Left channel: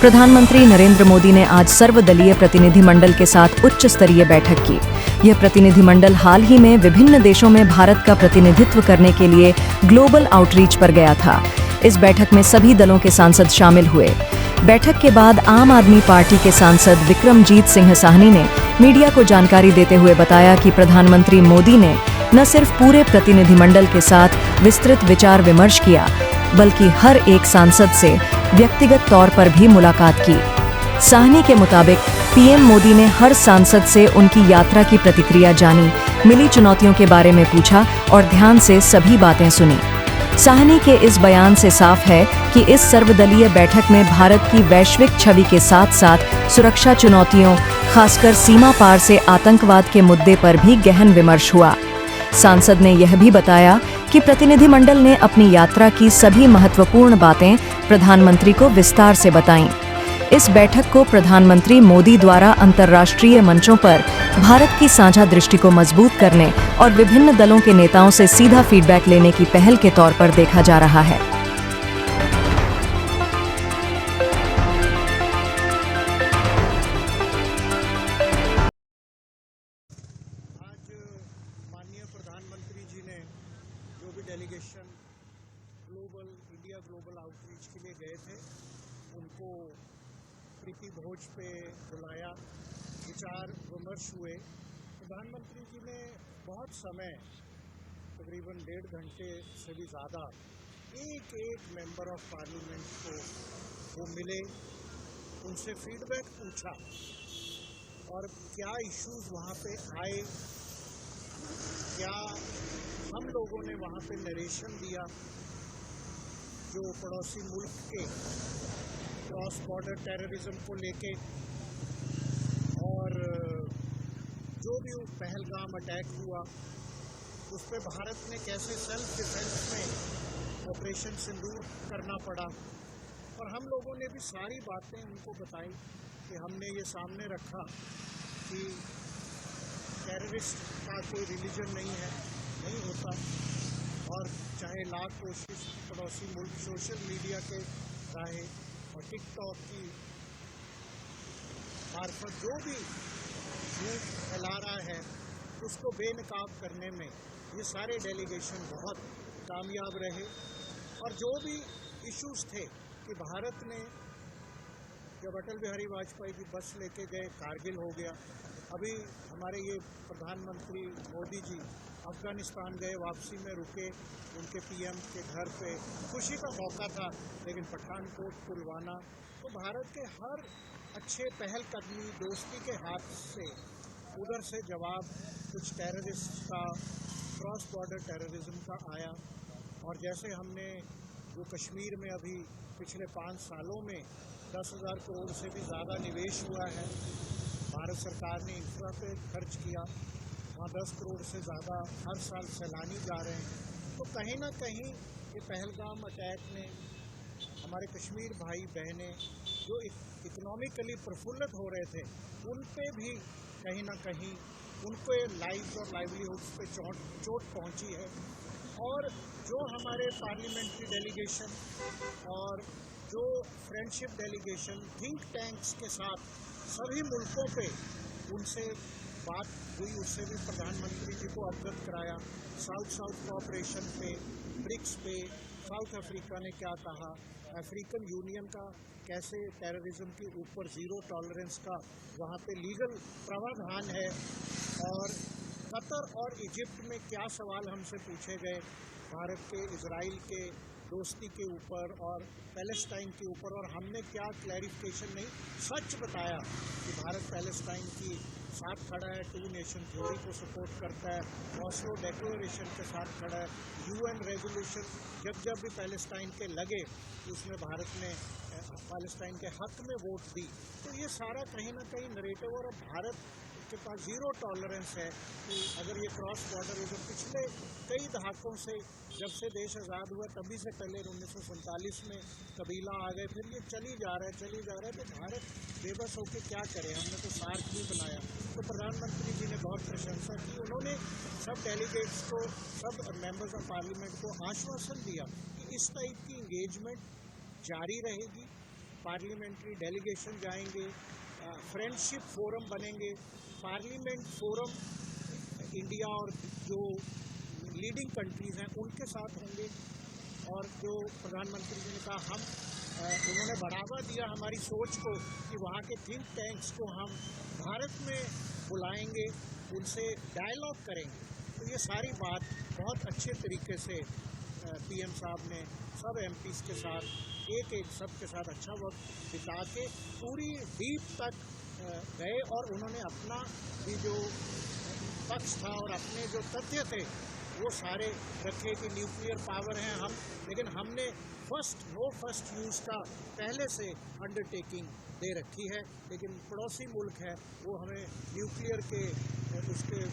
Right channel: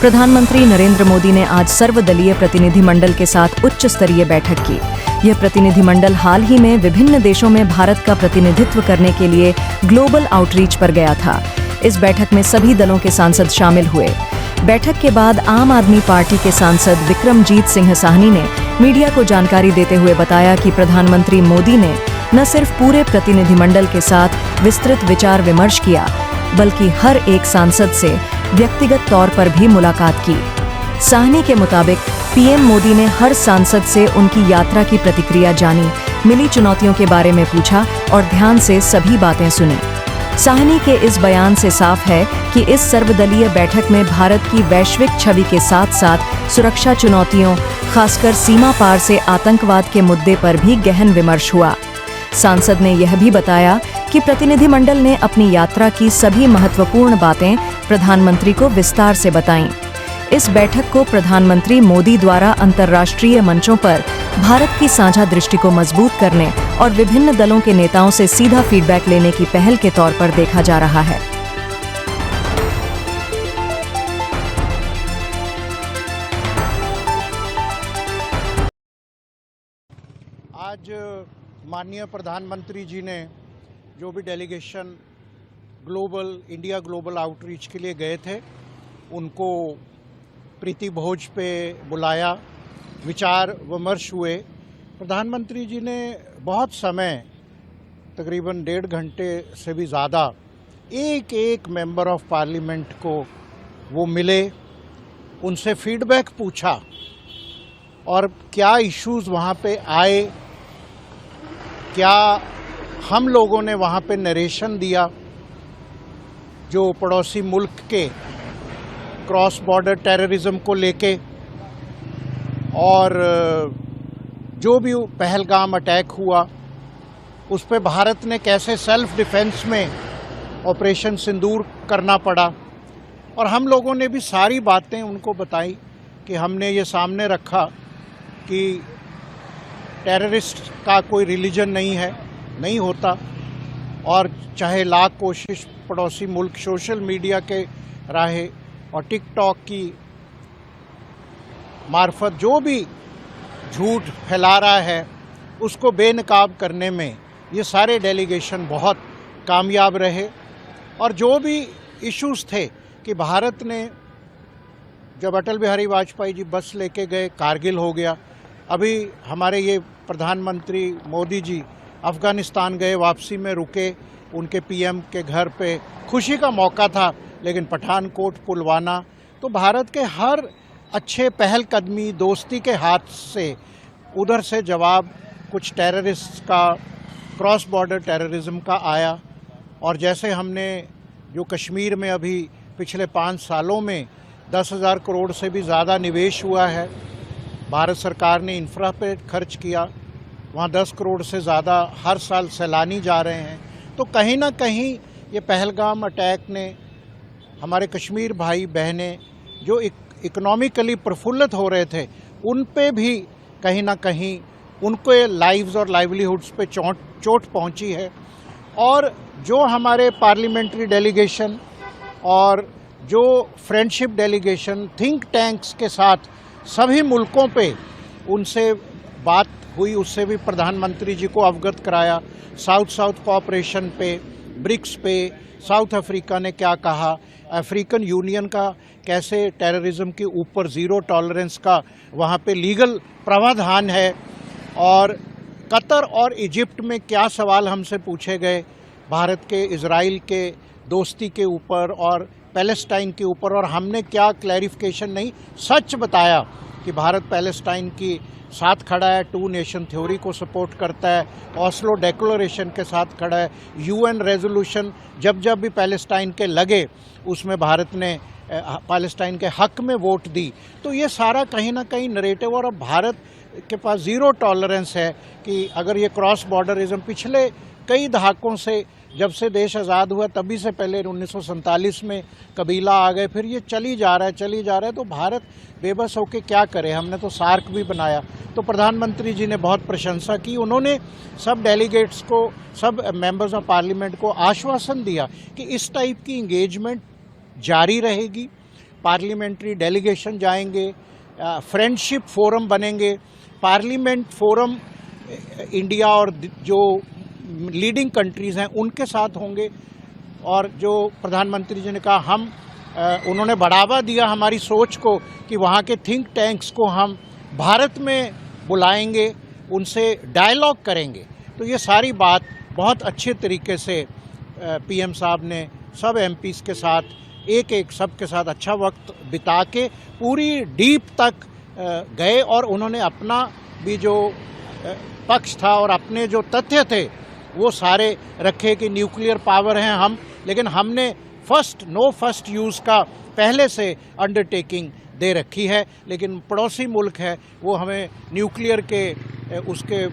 प्रधानमंत्री नरेंद्र मोदी ने आज सर्वदलीय प्रतिनिधिमंडल के साथ उच्च स्तरीय बैठक की। यह प्रतिनिधिमंडल हाल ही में विभिन्न देशों में भारत का प्रतिनिधित्व करने के लिए ग्लोबल आउटरीच पर गया था। इस बैठक में सभी दलों के सांसद शामिल हुए। बैठक के बाद आम आदमी पार्टी के सांसद विक्रमजीत सिंह साहनी ने मीडिया को जानकारी देते हुए बताया कि प्रधानमंत्री मोदी ने न सिर्फ पूरे प्रतिनिधिमंडल के साथ विस्तृत विचार विमर्श किया, बल्कि हर एक सांसद से व्यक्तिगत तौर पर भी मुलाकात की। साहनी के मुताबिक पीएम मोदी ने हर सांसद से उनकी यात्रा की प्रतिक्रिया जानी, मिली चुनौतियों के बारे में पूछा और ध्यान से सभी बातें सुनी। साहनी के इस बयान से साफ है कि इस सर्वदलीय बैठक में भारत की वैश्विक छवि के साथ साथ सुरक्षा चुनौतियों, खासकर सीमा पार से आतंकवाद के मुद्दे पर भी गहन विमर्श हुआ। सांसद ने यह भी बताया कि प्रतिनिधिमंडल ने अपनी यात्रा की सभी महत्वपूर्ण बातें प्रधानमंत्री को विस्तार से बताईं। इस बैठक को प्रधानमंत्री मोदी द्वारा अंतर्राष्ट्रीय मंचों पर भारत की साझा दृष्टि को मजबूत करने और विभिन्न दलों के नेताओं से सीधा फीडबैक लेने की पहल के तौर पर देखा जा रहा है। आज माननीय प्रधानमंत्री जी ने जो भी डेलीगेशन इंडिया ग्लोबल आउटरीच के लिए गए थे, उनको प्रीति भोज पे बुलाया, विचार विमर्श हुए। प्रधानमंत्री जी ने बहुत समय, तकरीबन 1.5 घंटे से भी ज़्यादा, एक एक मेंबर ऑफ पार्लियामेंट को वो मिले, उनसे फीडबैक पूछा और क्या इश्यूज़ वहाँ पे आए, क्या हम लोगों ने वहाँ पे नरेशन दिया जो पड़ोसी मुल्क के क्रॉस बॉर्डर टेररिज्म को लेके, और जो भी पहलगाम अटैक हुआ उस पे भारत ने कैसे सेल्फ डिफेंस में ऑपरेशन सिंदूर करना पड़ा। और हम लोगों ने भी सारी बातें उनको बताई कि हमने ये सामने रखा कि टेररिस्ट का कोई रिलीजन नहीं है, नहीं होता, और चाहे लाख कोशिश पड़ोसी मुल्क सोशल मीडिया के राहे और टिकटॉक की मार्फत जो भी झूठ फैला रहा है उसको बेनकाब करने में ये सारे डेलीगेशन बहुत कामयाब रहे। और जो भी इश्यूज थे कि भारत ने, जब अटल बिहारी वाजपेयी जी बस लेके गए, कारगिल हो गया, अभी हमारे ये प्रधानमंत्री मोदी जी अफ़गानिस्तान गए, वापसी में रुके, उनके पीएम के घर पे खुशी का मौका था, लेकिन पठानकोट, पुलवामा, तो भारत के हर अच्छे पहलकदमी, दोस्ती के हाथ से उधर से जवाब कुछ टेररिस्ट का, क्रॉस बॉर्डर टेररिज्म का आया। और जैसे हमने जो कश्मीर में अभी पिछले 5 सालों में 10,000 करोड़ से भी ज़्यादा निवेश हुआ है, भारत सरकार ने इंफ्रा पे खर्च किया, वहाँ 10 करोड़ से ज़्यादा हर साल सैलानी जा रहे हैं। तो कहीं ना कहीं ये पहलगाम अटैक ने हमारे कश्मीर भाई बहनें जो इकोनॉमिकली प्रफुल्लित हो रहे थे, उन पे भी कहीं ना कहीं उनके लाइव्स और लाइवलीहुड्स पे चोट पहुंची है। और जो हमारे पार्लियामेंट्री डेलीगेशन और जो फ्रेंडशिप डेलीगेशन थिंक टैंक्स के साथ सभी मुल्कों पे उनसे बात हुई, उससे भी प्रधानमंत्री जी को अवगत कराया। साउथ साउथ कोऑपरेशन पे, ब्रिक्स पे, साउथ अफ्रीका ने क्या कहा, अफ्रीकन यूनियन का कैसे टेररिज्म के ऊपर ज़ीरो टॉलरेंस का वहाँ पे लीगल प्रावधान है, और कतर और इजिप्ट में क्या सवाल हमसे पूछे गए भारत के इजराइल के दोस्ती के ऊपर और पैलेस्टाइन के ऊपर, और हमने क्या क्लैरिफिकेशन नहीं, सच बताया कि भारत पैलेस्टाइन की साथ खड़ा है, 2 नेशन थ्योरी को सपोर्ट करता है, ऑस्लो डिक्लेरेशन के साथ खड़ा है, यूएन रेजोल्यूशन जब जब भी पैलेस्टाइन के लगे उसमें भारत ने पैलेस्टाइन के हक में वोट दी। तो ये सारा कहीं ना कहीं नरेटिव, और अब भारत के पास ज़ीरो टॉलरेंस है कि अगर ये क्रॉस बॉर्डरिज्म पिछले कई दहाकों से, जब से देश आज़ाद हुआ तभी से पहले 1947 में कबीला आ गए, फिर ये चली जा रहा है, तो भारत बेबस होकर क्या करे। हमने तो सार्क भी बनाया। तो प्रधानमंत्री जी ने बहुत प्रशंसा की। उन्होंने सब डेलीगेट्स को, सब मेंबर्स ऑफ पार्लियामेंट को आश्वासन दिया कि इस टाइप की इंगेजमेंट जारी रहेगी। पार्लियामेंट्री डेलीगेशन जाएंगे, फ्रेंडशिप फोरम बनेंगे, पार्लियामेंट फोरम इंडिया और जो लीडिंग कंट्रीज़ हैं उनके साथ होंगे। और जो प्रधानमंत्री जी ने कहा, उन्होंने बढ़ावा दिया हमारी सोच को कि वहाँ के थिंक टैंक्स को हम भारत में बुलाएंगे, उनसे डायलॉग करेंगे। तो ये सारी बात बहुत अच्छे तरीके से पीएम साहब ने सब एमपीज़ के साथ एक सब के साथ अच्छा वक्त बिता के पूरी डीप तक गए, और उन्होंने अपना भी जो पक्ष था और अपने जो तथ्य थे वो सारे रखे कि न्यूक्लियर पावर हैं हम, लेकिन हमने नो फर्स्ट यूज़ का पहले से अंडरटेकिंग दे रखी है। लेकिन पड़ोसी मुल्क है वो हमें न्यूक्लियर के उसके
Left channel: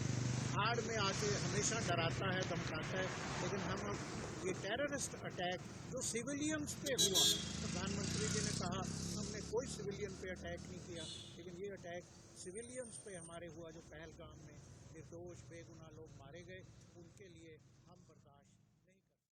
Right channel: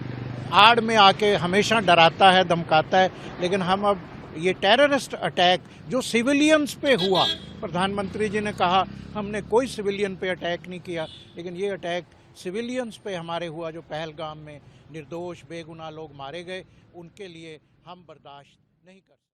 आड़ में आके हमेशा डराता है, धमकाता है। लेकिन हम अब ये टेररिस्ट अटैक जो सिविलियंस पे हुआ, प्रधानमंत्री जी ने कहा हमने कोई सिविलियन पे अटैक नहीं किया, लेकिन ये अटैक सिविलियंस पे हमारे हुआ, जो पहलगाम में निर्दोष बेगुनाह लोग मारे गए, उनके लिए हम बर्दाश्त नहीं कर सकते।